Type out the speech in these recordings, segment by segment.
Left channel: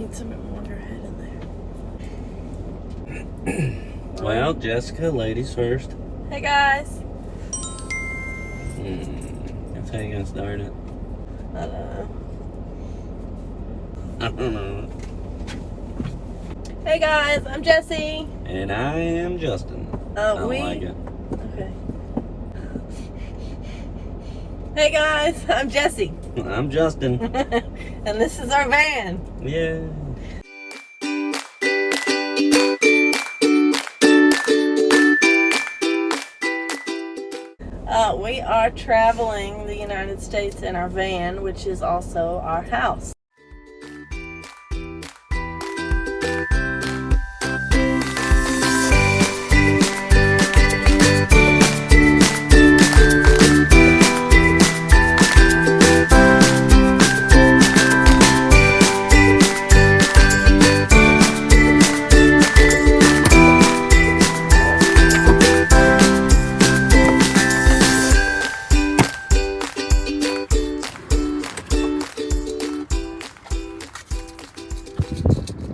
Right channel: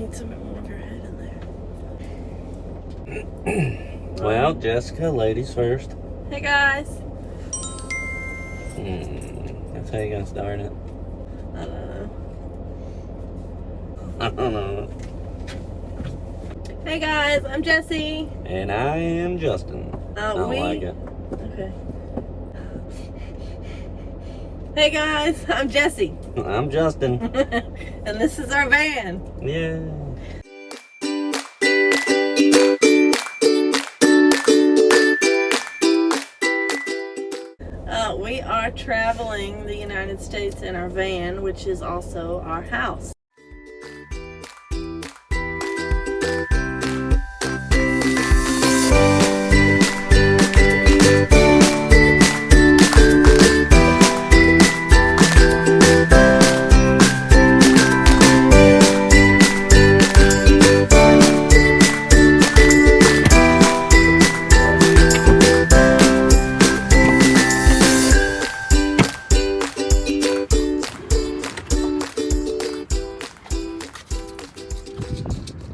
need some more head in there. Well, Jessica, ladies first. Hey guys. That's how you gonna start it? I don't know. I don't know. Hey guys, I'm Jessi. And I am Justin. I don't like it. Okay. Hey guys, I'm Jessi. I'm Justin. And this is our van. Yeah. We are traveling the United States in our van, which is also our house.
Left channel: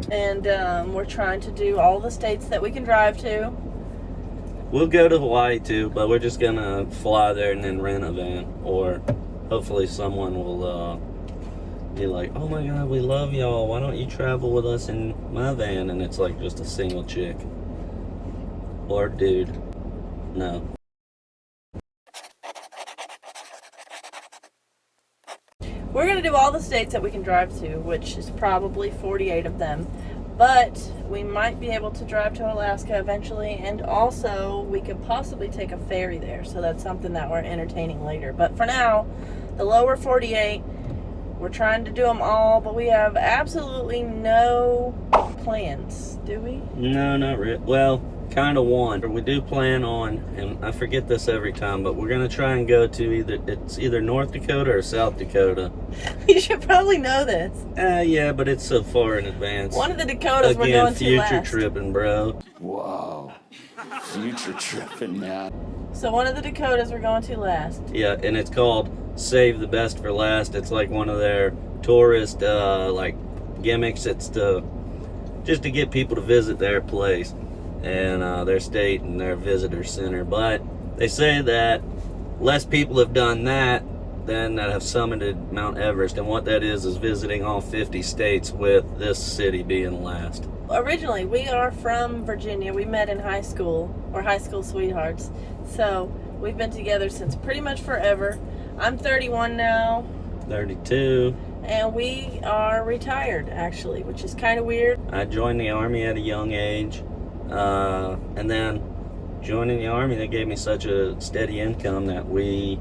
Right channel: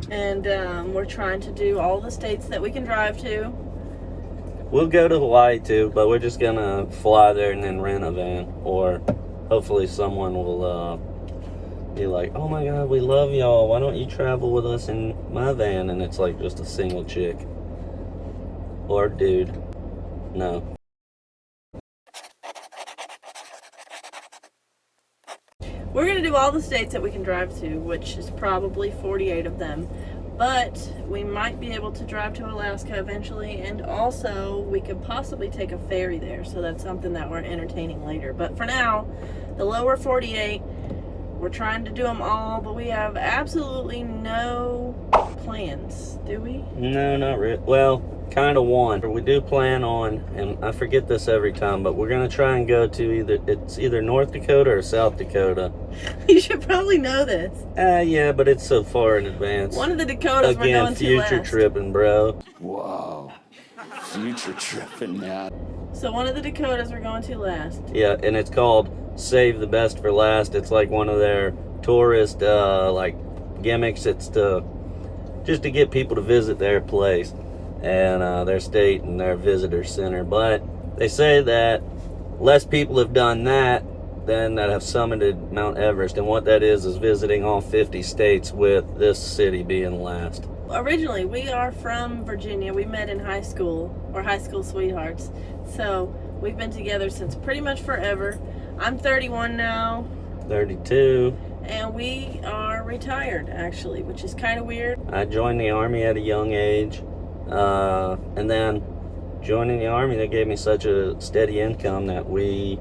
And we're trying to do all the states that we can drive to. We'll go to Hawaii too, but we're just gonna fly there and then rent a van. Or hopefully someone will be like, oh my god, we love y'all, why don't you travel with us in my van? And it's like just a single chick. Or dude. No. We're going to do all the states that we can drive to, which is probably 48 of them. But we might be able to drive to Alaska eventually, and also we could possibly take a ferry there. So that's something that we're entertaining later. But for now, the lower 48, we're trying to do them all, but we have absolutely no plans, do we? No, not really. Well, kind of one. We do plan on, and I forget this every time, but we're gonna try and go to either North Dakota or South Dakota. You should probably know this. Yeah, but it's so far in advance. One of the Dakotas we're going to last. Future tripping, bro. Whoa, future tripping, man. So one of the Dakotas we're going to last. Yeah, and it's called Save the Best for Last. It's like one of their tourist like gimmicks. It's just to get people to visit their place and their state and their visitor center. But they say that less people have done that than that have summited Mount Everest, and what that is visiting all 50 states, with this city being last. Originally, we are from Virginia. We met in high school. We're high school sweethearts. So we've been together since pretty much forever. I'm 31 now. 32. And we are retired, actually, which is kind of weird. I joined the Army at a young age. And then joining the Army, they gave me such a steady income that we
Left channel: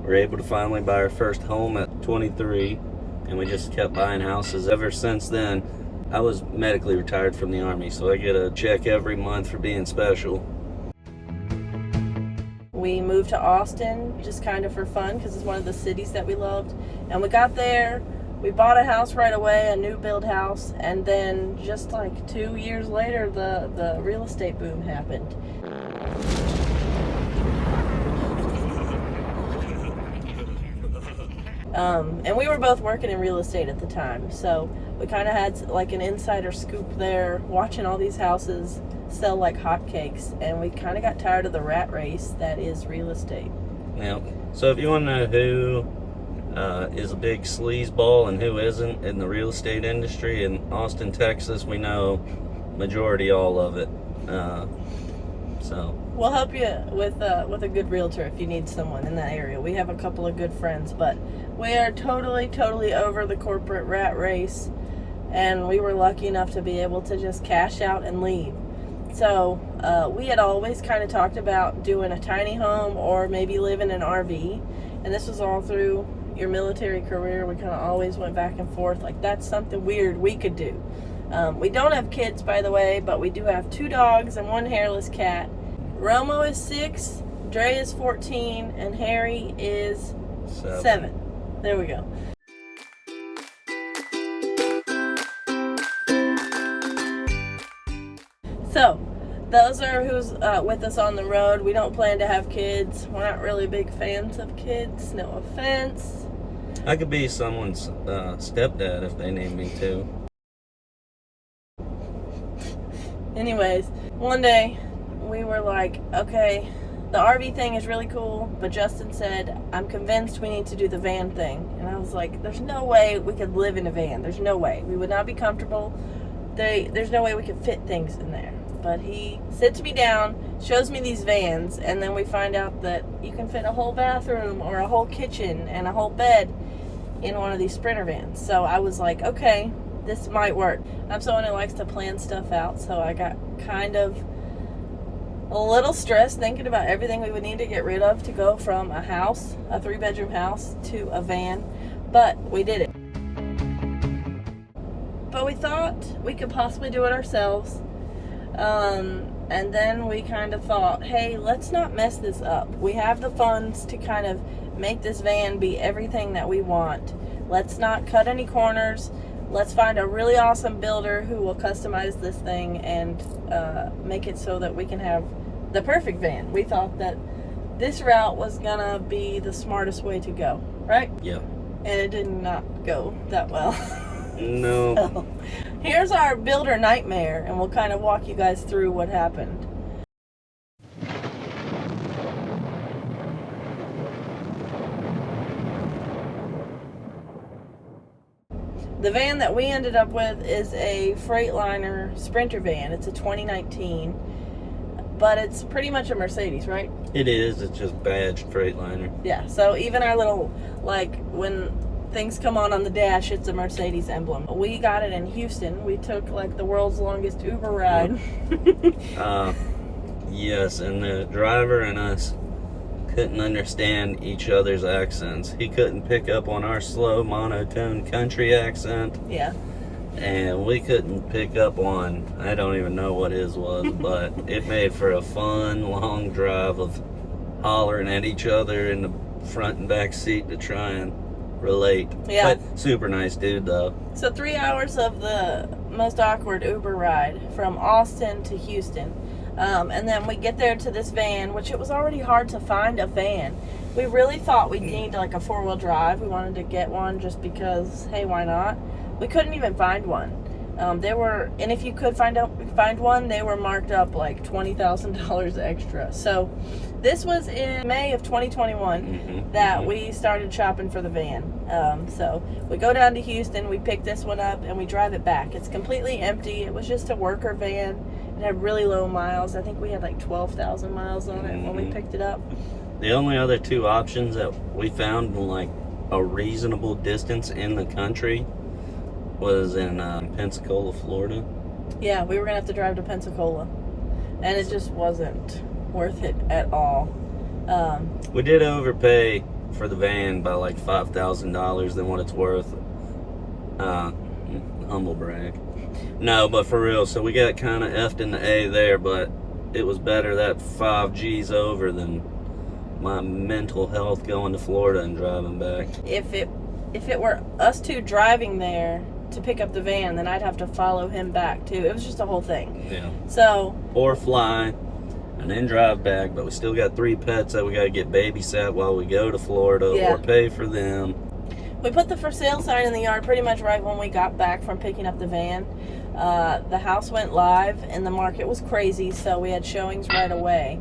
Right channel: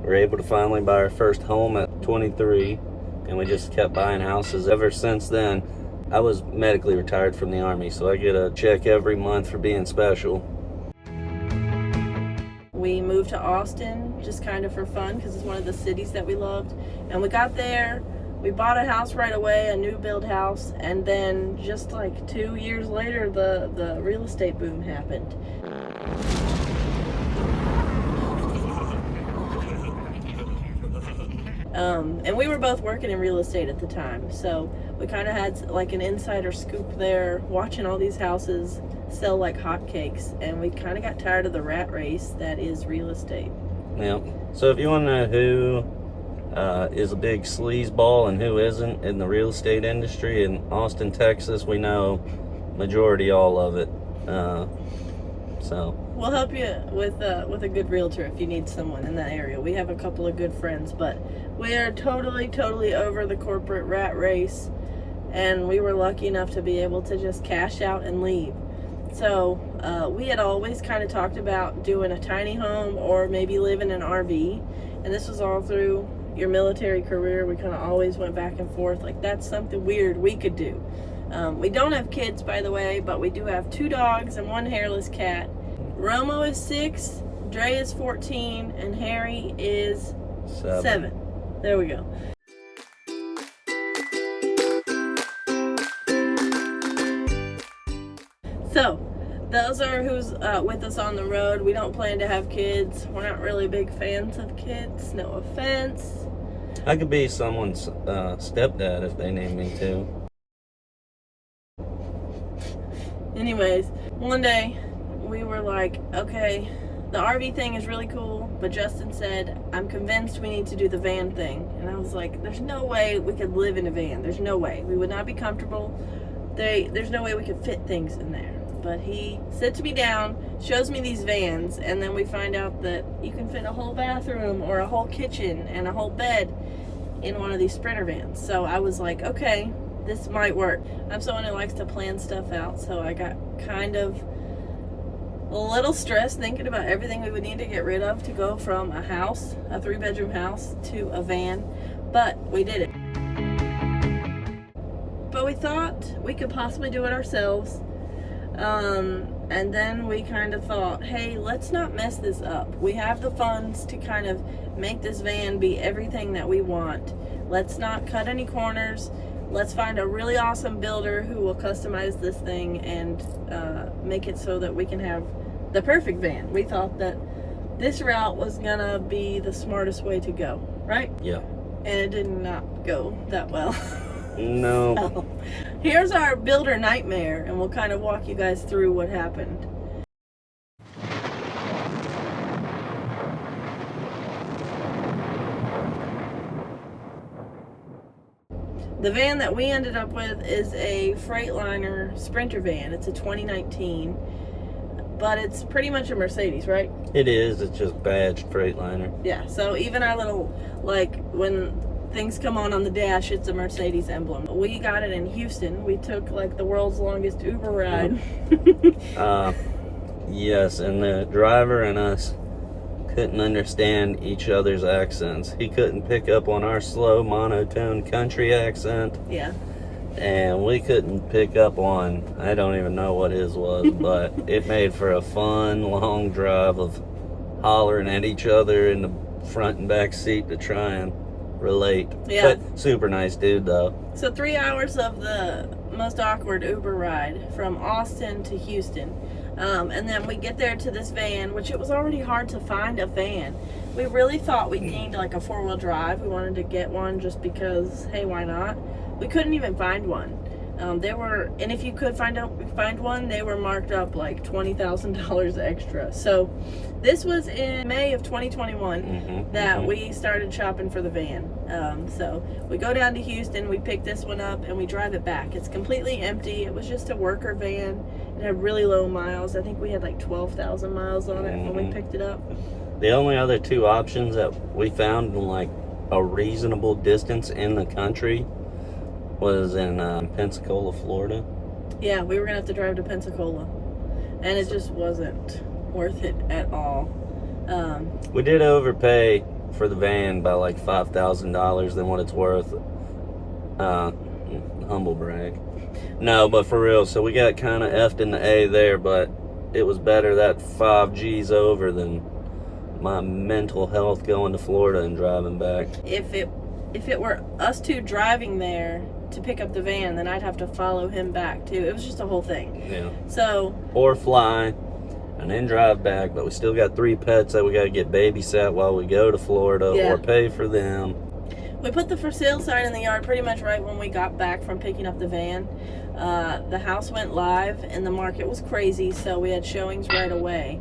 were able to finally buy our first home at 23. And we just kept buying houses ever since then. I was medically retired from the Army, so I get a check every month for being special. We moved to Austin just kind of for fun because it's one of the cities that we loved. And we got there, we bought a house right away, a new build house, and then just like 2 years later, the real estate boom happened. And we were both working in real estate at the time, so we kind of had like an insider scoop there, watching all these houses sell like hotcakes, and we kind of got tired of the rat race that is real estate. Yeah. So if you want to know who is a big sleazeball and who isn't in the real estate industry in Austin, Texas, we know majority all of it. So we'll help you with a good realtor if you need someone in that area. We have a couple of good friends, but we are totally over the corporate rat race, and we were lucky enough to be able to just cash out and leave. So we had always kind of talked about doing a tiny home or maybe live in an RV, and this was all through your military career. We kind of always went back and forth, like that's something weird we could do. We don't have kids, by the way, but we do have 2 dogs and 1 hairless cat. Romo is 6, Dre is 14, and Harry is 7. There we go. So, those are who's with us on the road. We don't plan to have kids. We're not really big fans of kids, no offense. I could be someone's stepdad if they need me to. Anyways, one day we were like, okay, the RV thing is really cool, but Justin said, I'm convinced we need to do the van thing. And I was like, there's no way we could live in a van. There's no way. We would not be comfortable. There's no way we could fit things in there. But he sits me down, shows me these vans, and then we find out that you can fit a whole bathroom or a whole kitchen and a whole bed in one of these Sprinter vans. So I was like, okay, this might work. I'm someone who likes to plan stuff out, so I got kind of a little stressed thinking about everything we would need to get rid of to go from a house, a 3-bedroom house, to a van. But we did it. But we thought we could possibly do it ourselves. And then we kind of thought, hey, let's not mess this up. We have the funds to kind of make this van be everything that we want. Let's not cut any corners. Let's find a really awesome builder who will customize this thing and make it so that we can have the perfect van. We thought that this route was gonna be the smartest way to go, right? Yeah. And it did not go that well. No. So, here's our builder nightmare, and we'll kind of walk you guys through what happened. The van that we ended up with is a Freightliner Sprinter van. It's a 2019, but it's pretty much a Mercedes, right? It is. It's just badged Freightliner. Yeah, so even our little, like, when things come on the dash, it's a Mercedes emblem. We got it in Houston. We took, like, the world's longest Uber ride. Yes, and the driver and us couldn't understand each other's accents. He couldn't pick up on our slow, monotone country accent. Yeah. And we couldn't pick up on, I don't even know what his was, but it made for a fun, long drive of hollering at each other in the front and back seat to try and relate. Yeah. But super nice dude, though. So 3 hours of the most awkward Uber ride from Austin to Houston. And then we get there to this van, which it was already hard to find a van. We really thought we'd need like a 4-wheel drive. We wanted to get one just because, hey, why not? We couldn't even find one. And if you could find one, they were marked up like $20,000 extra. So this was in May of 2021 that we started shopping for the van. So we go down to Houston, we pick this one up, and we drive it back. It's completely empty. It was just a worker van. It had really low miles. I think we had like 12,000 miles on it when we picked it up. The only other two options that we found in like a reasonable distance in the country was in Pensacola, Florida. Yeah, we were gonna have to drive to Pensacola, and it just wasn't worth it at all. We did overpay for the van by like $5,000 than what it's worth. Humble brag. No, but for real, so we got kind of effed in the A there, but it was better that 5 G's over than my mental health going to Florida and driving back. If it were us two driving there to pick up the van, then I'd have to follow him back too. It was just a whole thing. Yeah. So. Or fly and then drive back, but we still got 3 pets that we got to get babysat while we go to Florida or pay for them. We put the for sale sign in the yard pretty much right when we got back from picking up the van. The house went live and the market was crazy, so we had showings right away.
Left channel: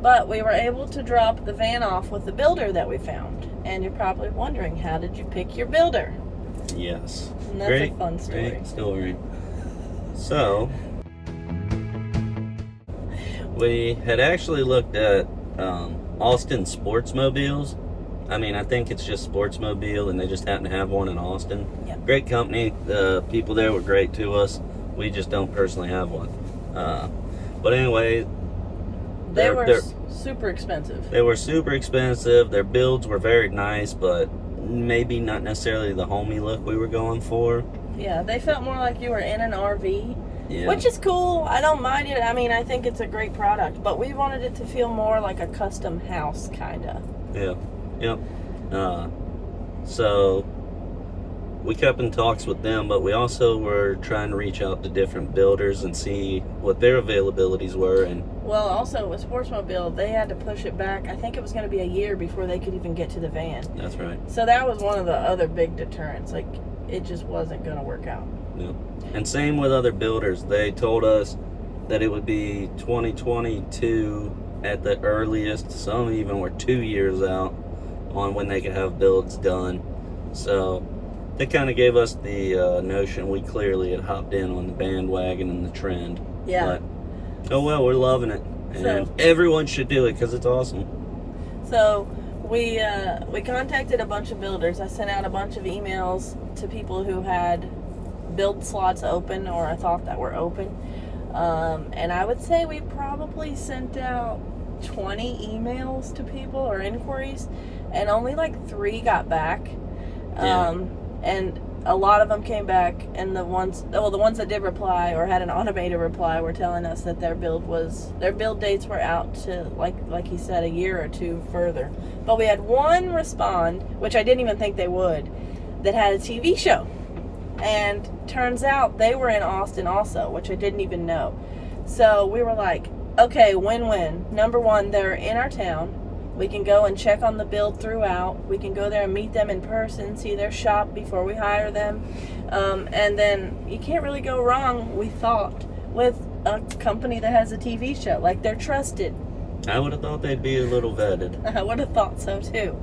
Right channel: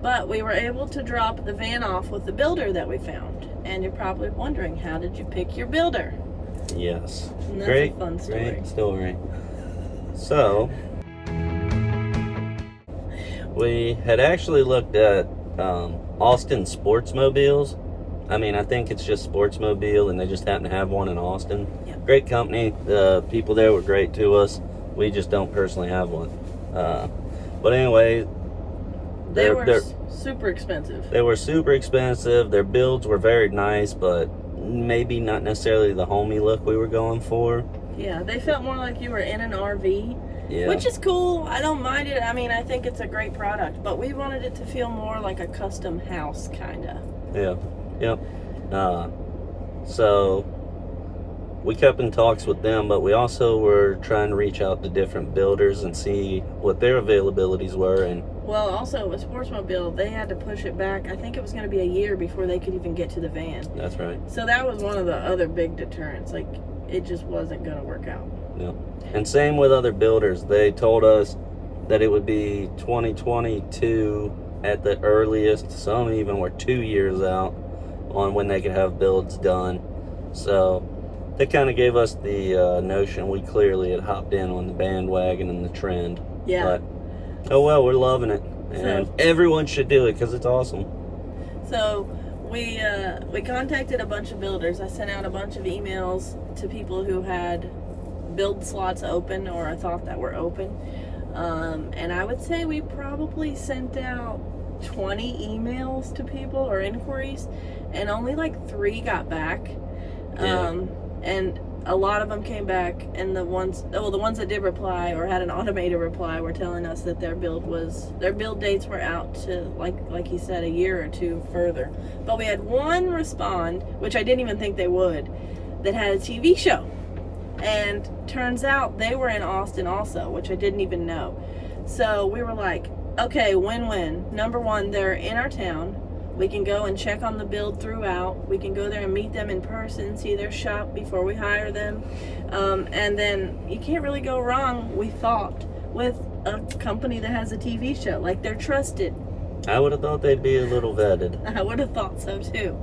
But we were able to drop the van off with the builder that we found. And you're probably wondering, how did you pick your builder? Yes. And that's a fun story. Great story. So, we had actually looked at Austin Sportsmobiles. I mean, I think it's just Sportsmobile, and they just happen to have one in Austin. Yep. Great company. The people there were great to us. We just don't personally have one. But anyway, they were super expensive. They were super expensive. Their builds were very nice, but maybe not necessarily the homey look we were going for. Yeah, they felt more like you were in an RV. Yeah. Which is cool. I don't mind it. I mean, I think it's a great product, but we wanted it to feel more like a custom house, kind of. Yeah. Yep. So we kept in talks with them, but we also were trying to reach out to different builders and see what their availabilities were. And well, also with Sportsmobile, they had to push it back. I think it was going to be a year before they could even get to the van. That's right. So that was one of the other big deterrents. Like, it just wasn't going to work out. Yeah. And same with other builders. They told us that it would be 2022 at the earliest. Some even were 2 years out on when they could have builds done. So they kind of gave us the notion. We clearly had hopped in on the bandwagon and the trend. Yeah. But, oh well, we're loving it. And everyone should do it because it's awesome. So we contacted a bunch of builders. I sent out a bunch of emails to people who had build slots open or I thought that were open. And I would say we probably sent out 20 emails to people or inquiries, and only like 3 got back. And a lot of them came back, and the ones that did reply or had an automated reply were telling us that their build dates were out to like he said, a year or 2 further. But we had one respond, which I didn't even think they would, that had a TV show. And turns out they were in Austin also, which I didn't even know. So we were like, okay, win-win. Number one, they're in our town. We can go and check on the build throughout. We can go there and meet them in person, see their shop before we hire them. And then you can't really go wrong, we thought, with a company that has a TV show. Like, they're trusted. I would have thought they'd be a little vetted. I would have thought so too.